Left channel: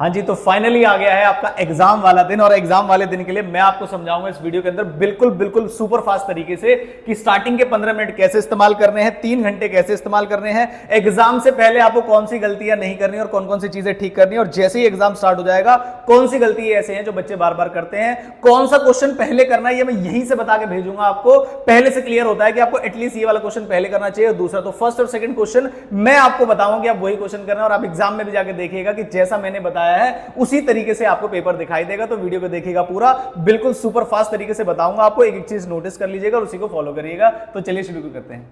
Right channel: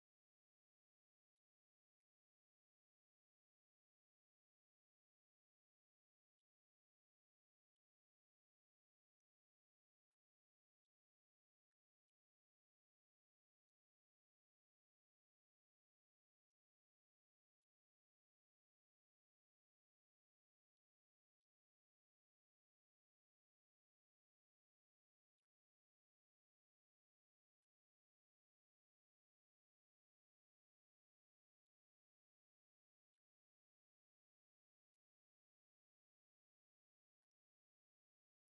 हाँ जी, तो फाइनली आ गया है आपका एग्जाम वाला दिन। और एग्जाम वाले दिन के लिए मैं आपको समझाऊंगा इस वीडियो के अंदर बिल्कुल बिल्कुल सुपर फास्ट तरीके से कि स्टार्टिंग के 15 मिनट कैसे इस्तेमाल करने हैं, 3 घंटे कैसे इस्तेमाल करने हैं, एग्जाम से पहले आपको कौन सी गलतियां नहीं करनी और कौन कौन सी चीजें ठीक करनी है, और जैसे ही एग्जाम स्टार्ट हो जाएगा कौन सी गलती ऐसे हैं जो बच्चे बार बार करते हैं, कौन सा क्वेश्चन पहले करना है, ये मैं यहीं से बता के भेजूंगा आपको। पहले से क्लियर होता है कि आपको एटलीस्ट ये वाला क्वेश्चन पहले करना चाहिए, और दूसरा तो फर्स्ट और सेकंड क्वेश्चन मैं आपको बताऊंगा कि आप वही क्वेश्चन करना, और आप एग्जाम में भी जाके देखिएगा कि जैसा मैंने बताया है उसी तरीके से आपको पेपर दिखाई देगा। तो वीडियो को देखिएगा पूरा, बिल्कुल सुपर फास्ट तरीके से बताऊंगा आपको, एक एक चीज नोटिस कर लीजिएगा और उसी को फॉलो करिएगा। तो चलिए शुरू करते हैं।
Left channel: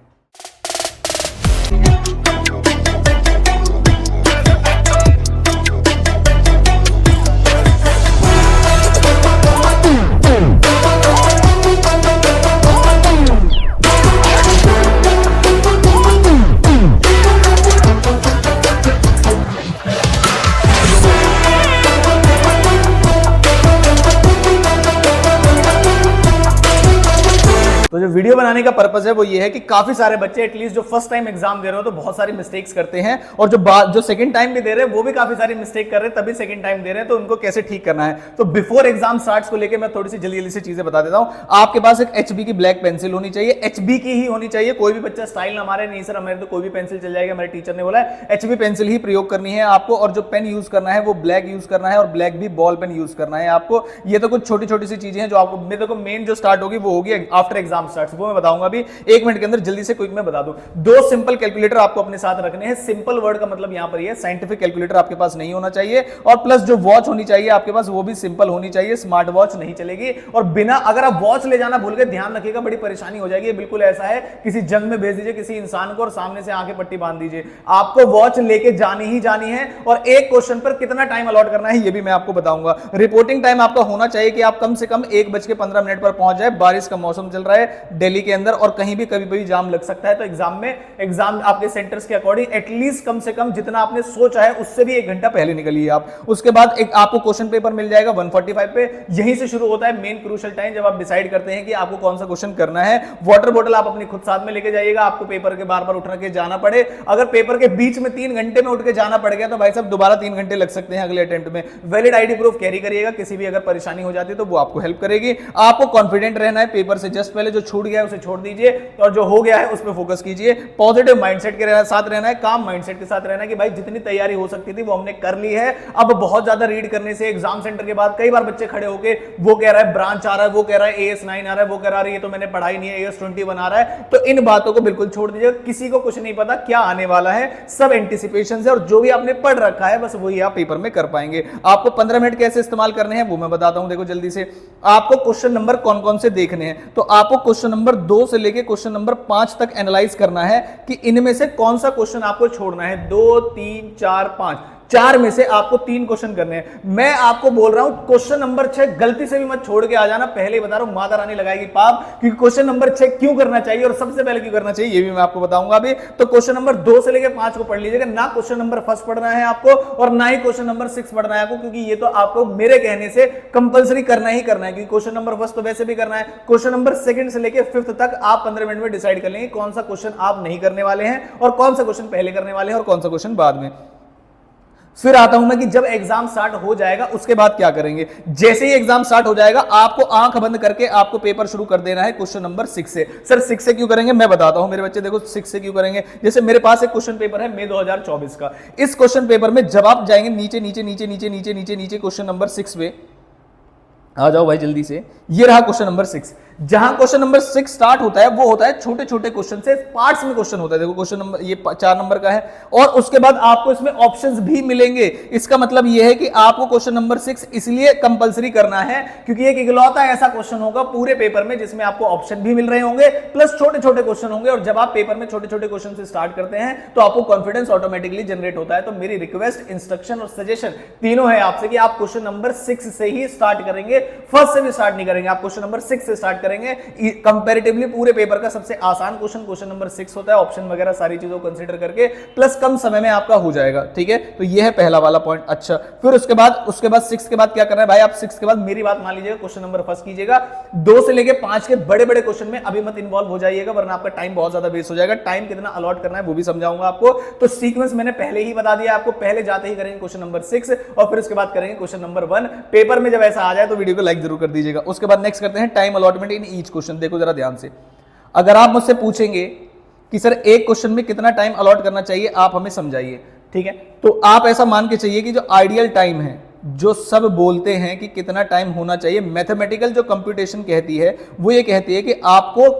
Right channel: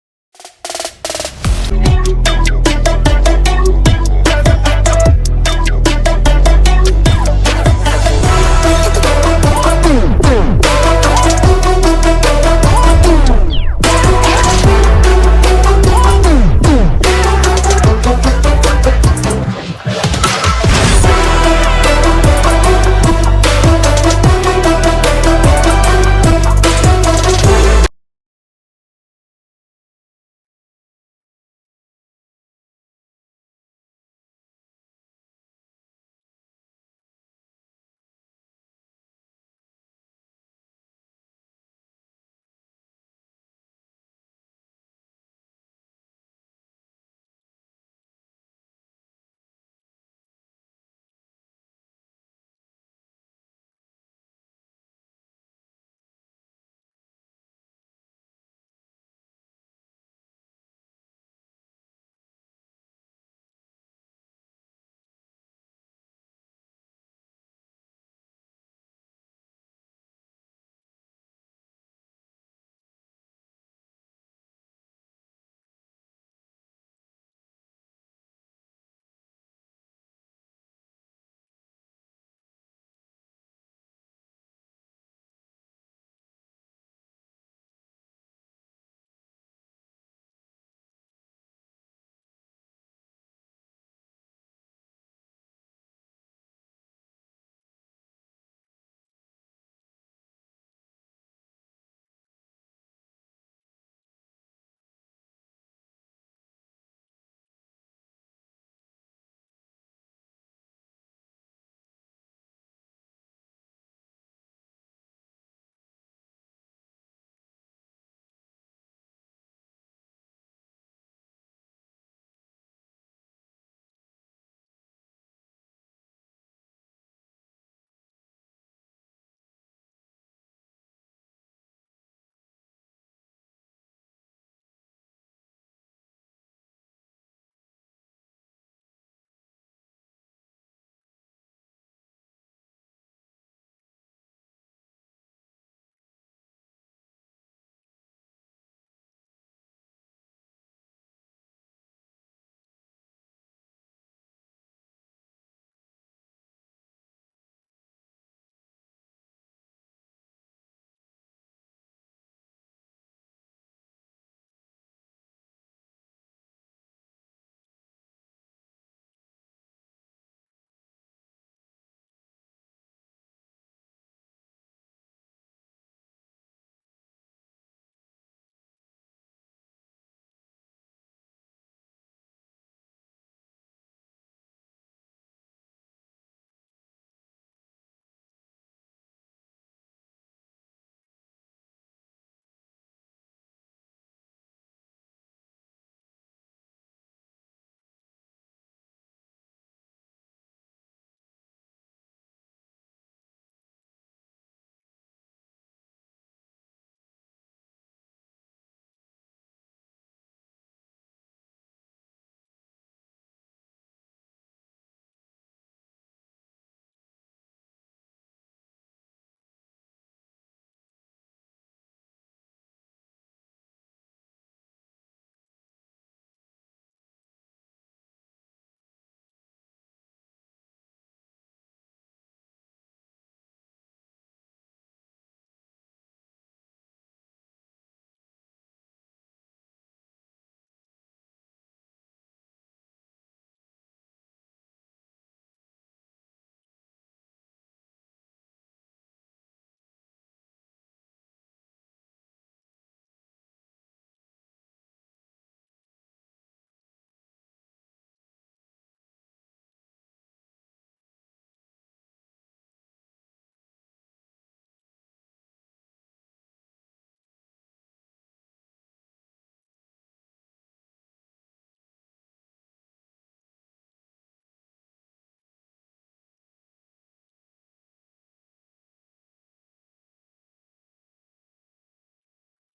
तो जो वीडियो बनाने का पर्पस है वो ये है कि काफी सारे बच्चे एटलीस्ट जो फर्स्ट टाइम एग्जाम दे रहे हो तो बहुत सारी मिस्टेक्स करते हैं, और जो सेकंड टाइम भी दे रहे हैं वो भी काफी सारी मिस्टेक कर रहे हैं, तभी सेकंड टाइम दे रहे हैं। तो उनको कैसे ठीक करना है, तो बिफोर एग्जाम स्टार्ट्स को लेकर मैं थोड़ी सी जल्दी जल्दी से चीजें बता देता हूं। आपके पास एक HB की ब्लैक पेंसिल होनी चाहिए, HB की ही होनी चाहिए। कोई भी बच्चा स्टाइल ना मारे, नहीं सर हमारे तो कोई भी पेंसिल चल जाएगा, मेरे टीचर ने बोला है HB पेंसिल ही प्रयोग करनी है आपको। और जो पेन यूज करना है वो ब्लैक यूज करना है, और ब्लैक भी बॉल पेन यूज करना है आपको। ये तो कुछ छोटी छोटी सी चीजें हैं जो आपको, मेरे को मेन जो स्टार्ट होगी वो होगी आफ्टर एग्जाम स्टार्ट, वो मैं बताऊंगा अभी 1 मिनट के अंदर। जल्दी से क्विक में बता दूं, 2 सिंपल कैलकुलेटर आपको अपने साथ रखने हैं। सिंपल वर्ड का मतलब यहां पर ये साइंटिफिक कैलकुलेटर आपके पास नहीं होना चाहिए, और प्लस जो वॉच होनी चाहिए आपके पास वो भी सिंपल होनी चाहिए, स्मार्ट वॉच नहीं चलेगी। और बिना, अगर आप वॉच ले जाना भूल गए, ध्यान रखिएगा बड़ी परेशानी हो जाएगी। बिल्कुल ऐसा है किसी जंग में भेज दीजिए किसी इंसान को और सामने से आंखें पट्टी बांध दीजिए, आपको वॉच लेके जानी ही जानी है। और एक क्वेश्चन पर कितना टाइम अलॉट करना है ये भी मैं आपको बताऊंगा। रिपोर्टिंग टाइम आपका होना चाहिए कि आप कम से कम 1:15 पर पहुंच जाए। बारिश का मौसम चल रहा है दिल्ली के अंदर, और कहीं भी कभी भी जाम लग सकता है, तो एग्जाम आपके सेंटर्स के अकॉर्डिंग एटलीस्ट कम से कम जितना आपने सोचा है उससे भी 1 घंटा पहले निकलिए आप। उसके बाद एक आपको क्वेश्चन पेपर मिल जाएगा 1:45 पे। यहीं से शुरू होता है मेन क्रूशियल टाइम, जब आप डिसाइड करते हैं कि आपको कौन सा क्वेश्चन करना है। वाटर बोतल आप अपनी खुद साथ में लेके जाइएगा, आपको पेपर के बार बार उठ के जाना पड़े। अगर पेपर के बीच में 3 घंटे में उठ के जाना पड़ गया तो भाई साहब दोबारा 3 घंटे लग सकते हैं अगले अटेम्प्ट में। वैलिड आईडी प्रूफ कैरी करिएगा, किसी भी अगर परेशानी हो जाती है तो वो आपको हेल्प करेगी। आपको कॉन्फिडेंट रहना है, पेपर से जस्ट पहले जो छूट गया है उसे छोड़ दीजिए, और जो हो गया है उस पर फोकस कीजिए। पॉजिटिव माइंडसेट के साथ रहना है, काम माइंडसेट के साथ रहना है कि भाई जितनी तैयारी हो सकती थी वो हमने कर ली है। अब बहुत ज्यादा रीड करने से एग्जाम सेंटर के बाद कई बार बच्चे खड़े होके वो कह रहा है ब्रांच आ रहा है, वो कह रहा है AS9 आ रहा है, वो कह रहा है ये तो मैंने पढ़ाई नहीं है, AS21 आ रहा है। तो इन बातों को बिल्कुल छोड़ दीजिए, किसी को कुछ नहीं पता क्या आने वाला है, सब एंटिसिपेशन है, और जो भी आपने पढ़ रखा है बस वही आप पेपर में कर पाएंगे। आपको 15 मिनट कैसे इस्तेमाल करने हैं वो मैं बताता हूं। देखो जल्दी से, आपको क्वेश्चन नंबर कौन कौन से देखने हैं, तो आपको क्वेश्चन नंबर 2 से लेके क्वेश्चन नंबर 5 तक एनालाइज करना है कि इनमें से कौन सा क्वेश्चन आपको छोड़ना है। 2, 3, 4, 5, 4 में से आपको 3 क्वेश्चन करने हैं। मैं आपको बोल रहा हूं क्वेश्चन नंबर 6 गलती से भी मत छोड़ के आ जाना, पहले ही बता रहा हूं, माता रानी लगाएगी पाप। क्योंकि क्वेश्चन नंबर 6 क्यों करना चाहिए और सबसे पहले क्यों करना चाहिए ये भी मैं आपको बताऊंगा अभी। तो क्वेश्चन नंबर 2 से लेकर 5 को पढ़ लीजिएगा, ना क्वेश्चन नंबर 1 पढ़ना है आपको और ना ही क्वेश्चन नंबर 6 पढ़ना है आपको, क्योंकि ये तो आपको मेरे कहने से कंपलसरी करना ही करना है। क्योंकि क्वेश्चन नंबर 1 तो वैसे भी करना है, क्वेश्चन नंबर 2 से लेकर 5th तक आप 15 मिनट में डिसाइड कर लेंगे कौन सा क्वेश्चन आप नहीं करने वाले हैं और कौन सा क्वेश्चन पहले करने वाले हैं और कौन सा क्वेश्चन बाद में। फिर आता हूं मैं कि जब एग्जाम स्टार्ट हो जाएगा उसके बाद क्या करेंगे। जैसे ही एग्जाम स्टार्ट हो जाएगा आपको आंख बंद करके आपको पेपर शुरू कर देना है क्वेश्चन नंबर 6 से। सर 6 से क्यों करेंगे मैं बताता हूं मेरे बच्चे, देखो 6 से क्यों करेंगे। जैसे मेरे पास एक क्वेश्चन पेपर है मई 2024 का, इस क्वेश्चन पेपर में जब आप जाएंगे नीचे नीचे नीचे नीचे नीचे नीचे नीचे क्वेश्चन नंबर 6 पे आ जाओ भाई जल्दी से, ये रहा क्वेश्चन नंबर 6। जहां क्वेश्चन नंबर 6 स्टार्ट होता है वो होता है छोटे छोटे क्वेश्चन से, पार्ट्स में क्वेश्चन होता है। देखो क्वेश्चन नंबर ये 4 नंबर का है, और उसके बाद आपको इसमें ऑप्शंस भी मिलेंगे। इसका मतलब ये है कि आपको क्वेश्चन नंबर 6 इसलिए कंपलसरी करना है क्योंकि एक इकलौता ऐसा क्वेश्चन होगा पूरे पेपर में जिसमें आपको ऑप्शन भी मिल रहे होंगे प्लस छोटे छोटे क्वेश्चन होंगे। और जब आप पेपर में छोटे छोटे क्वेश्चन से स्टार्ट करते हैं तो आपको कॉन्फिडेंस ऑटोमेटिकली जनरेट होता है। तो मेरी रिक्वेस्ट, इंस्ट्रक्शन और सजेशन तीनों है आपसे कि आप क्वेश्चन नंबर 6 से ही स्टार्ट करेंगे, फर्स्ट से भी स्टार्ट नहीं करेंगे। आप क्वेश्चन नंबर 6 से स्टार्ट करेंगे कंपैरेटिवली पूरे पेपर का सबसे आसान क्वेश्चन नंबर 6 होता है, ऑप्शन वगैरह सारी चीजों को कंसीडर करके, प्लस कम समय में आपका हो जाएगा। ठीक है, तो ये है पहला वाला पॉइंट। अच्छा, फिर उसके बाद 6 के बाद क्या करना है भाई, आप 6 के बाद मेरी बात मान लीजिएगा, क्वेश्चन नंबर फर्स्ट कीजिएगा। 2 से लेके 5 के बड़े बड़े क्वेश्चन में अभी मत इन्वॉल्व हो जाइएगा, वरना आपका टाइम बहुत ज्यादा वेस्ट हो जाएगा। टाइम कितना अलॉट करना है वो भी समझाऊंगा आपको। तो सीक्वेंस मैंने पहले ही बता दिया आपको, पहले जाते ही करेंगे क्वेश्चन नंबर 6 और फिर उसके बाद करेंगे क्वेश्चन नंबर 1। पेपर में जब ऐसा आ जाए तो वीडियो को लाइक जरूर कर दीजिएगा। उसके बाद नेक्स्ट करते हैं time allotment in each question. देखो जरा ध्यान से, अगर आप मुझसे पूछेंगे कि सर एक क्वेश्चन में कितना टाइम अलॉट करना चाहिए, आप हमें समझाइए। ठीक है, तो आप ऐसा मान के चाहिए कि जो आइडियल टाइम है, जो सब बोलते हैं कि कितना टाइम होना चाहिए, मैथमेटिकल जो कंप्यूटेशन कहती है वो ये कहती है कि आपको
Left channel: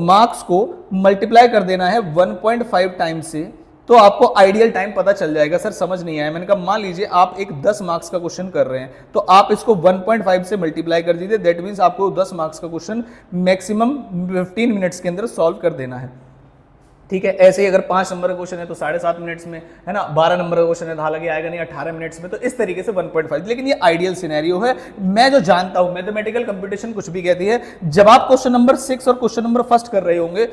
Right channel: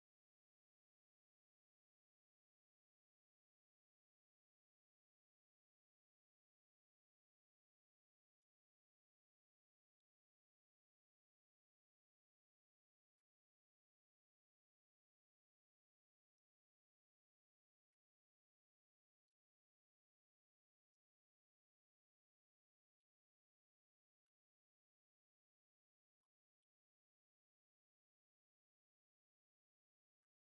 मार्क्स को मल्टीप्लाई कर देना है 1.5 टाइम से, तो आपको आइडियल टाइम पता चल जाएगा। सर समझ नहीं आया। मैंने कहा मान लीजिए आप एक 10 मार्क्स का क्वेश्चन कर रहे हैं, तो आप इसको 1.5 से मल्टीप्लाई कर दीजिए, दैट मींस आपको 10 मार्क्स का क्वेश्चन मैक्सिमम 15 मिनट्स के अंदर सॉल्व कर देना है। ठीक है, ऐसे ही अगर 5 नंबर का क्वेश्चन है तो 7.5 मिनट्स में, है ना। 12 नंबर का क्वेश्चन है तो हालांकि आएगा नहीं 18 मिनट्स में, तो इस तरीके से 1.5। लेकिन ये आइडियल सिनेरियो है। मैं जो जानता हूं, मैथमेटिकल कंप्यूटेशन कुछ भी कहती है, जब आप क्वेश्चन नंबर 6 और क्वेश्चन नंबर फर्स्ट कर रहे होंगे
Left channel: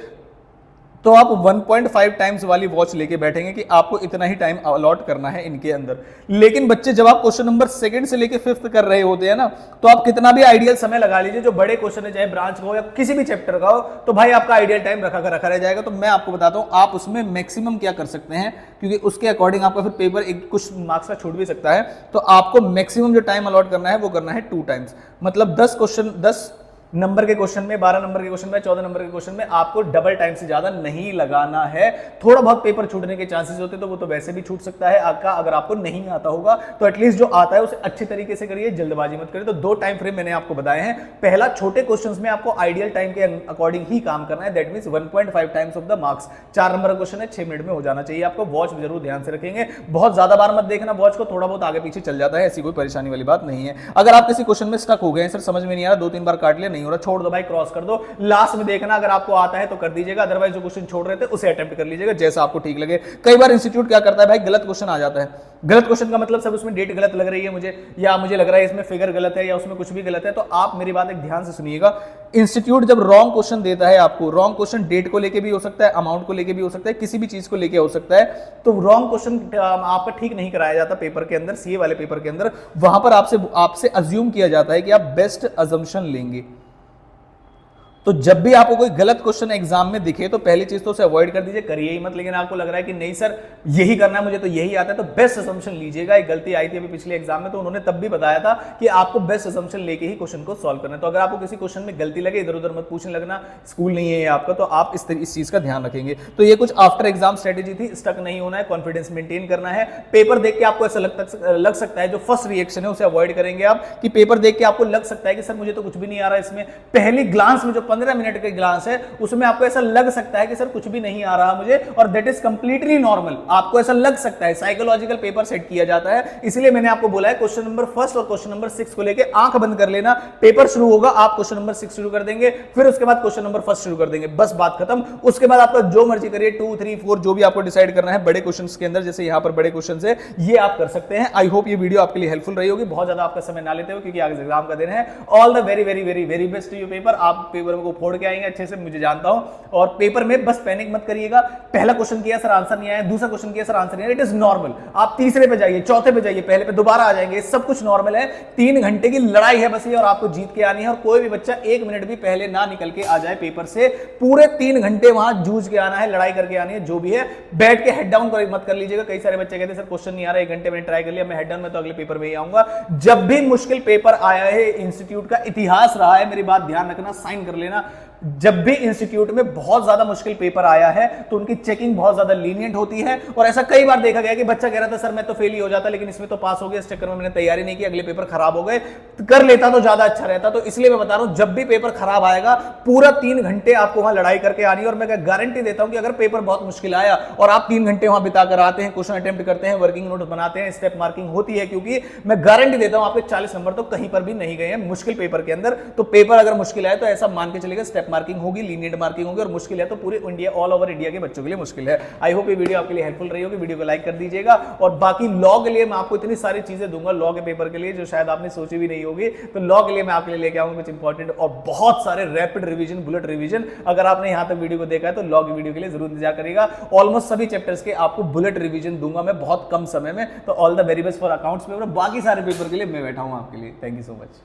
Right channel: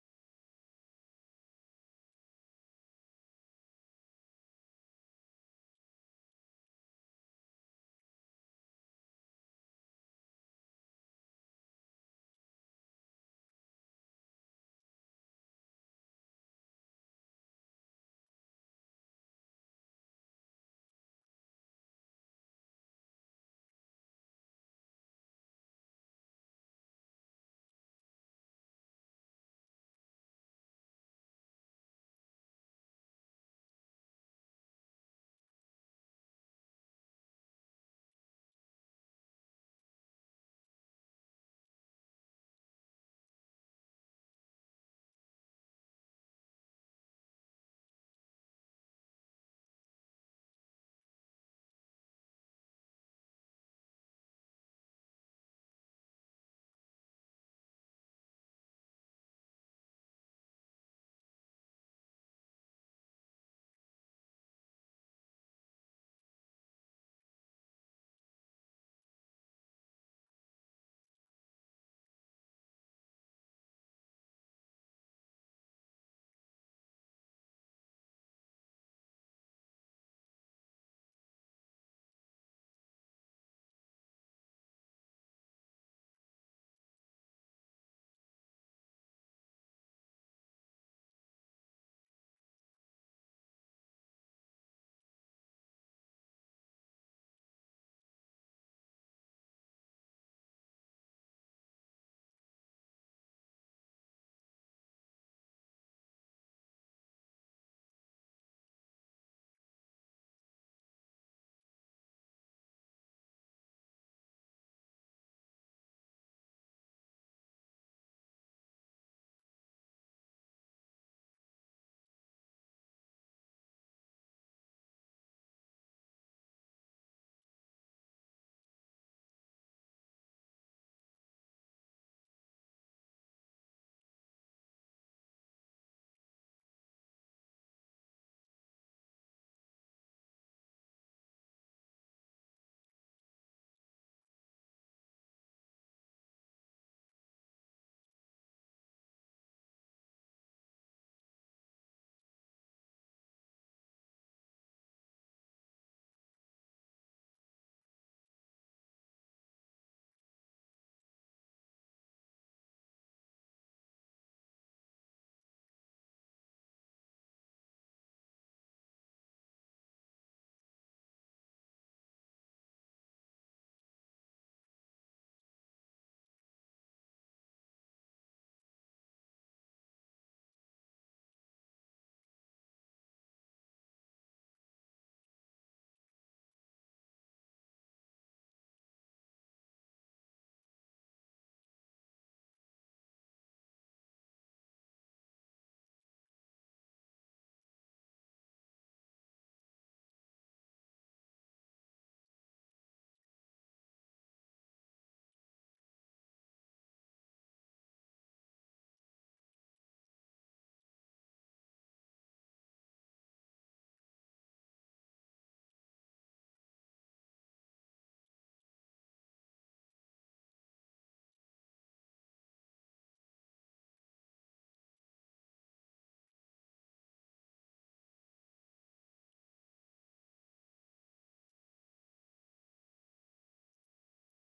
तो आप 1.5 टाइम्स वाली वॉच लेके बैठेंगे कि आपको इतना ही टाइम अलॉट करना है इनके अंदर। लेकिन बच्चे जब आप क्वेश्चन नंबर 2 से लेके 5th कर रहे होते हैं ना, तो आप कितना भी आइडियल समय लगा लीजिए, जो बड़े क्वेश्चन है चाहे ब्रांच का हो या किसी भी चैप्टर का हो, तो भाई आपका आइडियल टाइम रखा रह जाएगा। तो मैं आपको बताता हूं आप उसमें मैक्सिमम क्या कर सकते हैं, क्योंकि उसके अकॉर्डिंग आपका फिर पेपर एक कुछ मार्क्स का छूट भी सकता है। तो आपको मैक्सिमम जो टाइम अलॉट करना है वो करना है 2 टाइम्स। मतलब 10 नंबर के क्वेश्चन में, 12 नंबर के क्वेश्चन में, 14 नंबर के क्वेश्चन में आपको डबल टाइम से ज्यादा नहीं लगाना है। थोड़ा बहुत पेपर छूटने के चांसेस होते तो वो तो वैसे भी छूट सकता है आपका, अगर आपको नहीं आता होगा तो एटलीस्ट जो आता है उसे अच्छी तरीके से करिए, जल्दबाजी मत करिए। तो 2 टाइम फ्रेम मैंने आपको बताए हैं। पहला, छोटे क्वेश्चंस में आपको आइडियल टाइम के अकॉर्डिंग ही काम करना है, that means 1.5 times of the marks. 4 number का क्वेश्चन है, 6 मिनट में हो जाना चाहिए आपको। वॉच जरूर ध्यान से रखेंगे, बहुत ज्यादा बार मत देखना वॉच को, थोड़ा बहुत आगे पीछे चल जाता है, ऐसी कोई परेशानी वाली बात नहीं है। अगर आप किसी क्वेश्चन में स्टक हो गए, सर समझ में नहीं आ रहा, 2-3 बार काट लिया, नहीं हो रहा, छोड़ दो भाई, क्रॉस कर दो। लास्ट में देखना, अगर आपको आता है तो कर दीजिएगा, अदरवाइज जो क्वेश्चन छोड़ रहे थे उसे अटेम्प्ट कर लीजिएगा, जैसा आपको ठीक लगे। कई बार इंस्टीट्यूट क्या करता है भाई, गलत क्वेश्चन आ जाता है। गलत क्वेश्चन का मतलब सब उसमें डेट गलत लग रही है मुझे, या मुझे लग रहा है इसमें फिगर गलत है, या उसमें कुछ भी गलत है। तो आप मेरी बात एक ध्यान से सुनिएगा, इंस्टीट्यूट जब रॉन्ग क्वेश्चन देता है आपको, रॉन्ग क्वेश्चन डेट को लेके भी हो सकता है, अमाउंट को लेके भी हो सकता है, किसी भी चीज को लेके हो सकता है, तो रॉन्ग क्वेश्चन आपका ठीक नहीं कराया जाता पेपर के अंदर, सीए वाले पेपर के अंदर। वहां पर आपसे अज्यूम किया जाता है कि आप बेस्ट अजम्पशन लेंगे। तो जब भी आपको कोई गलत क्वेश्चन एग्जाम में दिखे तो पहली चीज तो उसे अवॉइड कर दीजिए, करिए ही मत। लेकिन आपको लग रहा है कि नहीं सर यही करना है मुझे, तो यही आता है, तो बेस्ट असम्पशन लीजिएगा। एक गलती आई थी अभी पिछले एग्जाम में, तो उन्होंने तब भी बताया था कि आपको बेस्ट असम्पशन लेके ही क्वेश्चन को सॉल्व करना है। तो अगर आपको किसी क्वेश्चन में गलती लगे, इधर उधर मत पूछने लगना, स्कूल नहीं है ये आपका, तो आप इस चीज का ध्यान रखेंगे। तो ये कुछ आफ्टर एग्जाम स्ट्रेटेजी थी, स्टक नहीं होना है, कॉन्फिडेंस मेंटेन करना है। पेपर देख के आपको ऐसा लग सकता है, जो फर्स्ट रिएक्शन है उसे अवॉइड करेंगे आप, कि पेपर देख के आपको लग सकता है कि सर मुझे तो कुछ भी नहीं आ रहा इसमें। पहली ग्लांस में जो 15 मिनट के ग्लांस है उसमें आपको ऐसा लग सकता है कि सर कुछ भी नहीं आ रहा मुझे, और दैट इज कंप्लीटली नॉर्मल। आपको ऐसा लग सकता है, साइकोलॉजिकल पेपर सेट किया जाता है। इसलिए मैंने आपको बोला है क्वेश्चन नंबर फर्स्ट और क्वेश्चन नंबर 6 को लेके आंख बंद कर लेना। पेपर शुरू होगा, आप क्वेश्चन नंबर 6 शुरू कर देंगे, फिर उसके बाद क्वेश्चन नंबर फर्स्ट शुरू कर देंगे, बस बात खत्म। उसके बाद आपका जो मर्जी करिए, 2, 3, 4 जो भी आपको डिसाइड करना है बड़े क्वेश्चंस के अंदर, जैसे यहां पर बड़े क्वेश्चंस है, ये आप कर सकते हैं। आई होप ये वीडियो आपके लिए हेल्पफुल रही होगी। बहुत ज्यादा आपका समय ना लेते हो, क्योंकि आगे एग्जाम का दिन है। All the very very very very best to you paper. आप पेपर को फोड़ के आएंगे अच्छे से, मुझे जानता हूं। और पेपर में बस पैनिक मत करिएगा। पहला क्वेश्चन किया सर आंसर नहीं आया, दूसरा क्वेश्चन किया सर आंसर नहीं आया, इट इज नॉर्मल। आप तीसरे पे जाइए, चौथे पे जाइए, पहले पे दोबारा आ जाएंगे, सब कुछ नॉर्मल है। 3 घंटे की लड़ाई है बस ये, और आपको जीत के आनी है। और कोई भी बच्चा 1 मिनट भी पहले ना निकल के आ जाए पेपर से, पूरे 3 घंटे वहां जूझ के आना है, लड़ाई करके आनी है। जो भी है बैठ के हेड डाउन मत कर लीजिएगा। कई सारे बच्चे कहते हैं सर क्वेश्चन नहीं आ रहा, 1 घंटे मैंने ट्राई कर लिया, मैं हेड डाउन में तो अगले पेपर में ही आऊंगा। जब भी मुश्किल पेपर आया है, इंस्टीट्यूट का इतिहास रहा है, मेरी बात ध्यान रखना, साइन कर लेना, जब भी इंस्टीट्यूट में बहुत ज्यादा मुश्किल पेपर आया है तो उनकी चेकिंग बहुत ज्यादा लीनियंट होती है। और ऐसा कई बार देखा गया कि बच्चा कह रहा था सर मैं तो फेल ही हो जाता, लेकिन इसमें तो पास हो गया, इस चक्कर में मैंने तैयारी नहीं की, अगले पेपर खराब हो गए, कर लेता तो ज्यादा अच्छा रहता। तो इसलिए मैं बता रहा हूं, जब भी पेपर खराब आएगा, पूरा 3 घंटे आपको वहां लड़ाई करके आनी है। और मैं गारंटी देता हूं कि अगर पेपर बहुत मुश्किल आया और आप 3 घंटे वहां बिताकर आते हैं, क्वेश्चन अटेम्प्ट करते हैं, वर्किंग नोट बनाते हैं, स्टेप मार्किंग होती है, क्योंकि मैं गारंटी देता हूं आपके 40 नंबर तो कहीं पर भी नहीं गए हैं मुश्किल पेपर के अंदर। तो पेपर अगर मुश्किल आए तो ऐसा मान के चलेगा स्टेप स्टेप मार्किंग होगी, लीनियंट मार्किंग होगी, और मुश्किल है तो पूरे इंडिया, ऑल ओवर इंडिया के बच्चों के लिए मुश्किल है। आई होप ये वीडियो आपके लिए हेल्पफुल रही होगी। वीडियो को लाइक कर दीजिएगा, और बाकी लॉ के लिए मैं आपको इतनी सारी चीजें दूंगा लॉ के पेपर के लिए जो शायद आपने सोची भी नहीं होगी। तो लॉ के लिए मैं आपके लिए लेके आऊंगा कुछ इंपॉर्टेंट और बहुत सारे रैपिड रिवीजन, बुलेट रिवीजन। अगर आपने यहां तक वीडियो को देखा है तो लॉ की वीडियो के लिए जरूर इंतजार करिएगा। ऑलमोस्ट सभी चैप्टर्स के आपको बुलेट रिवीजन दूंगा मैं बहुत कम समय में। तो all the very best for accounts paper, बाकी सारे पेपर के लिए मैं बैठा हूं आपके लिए। Thank you so much.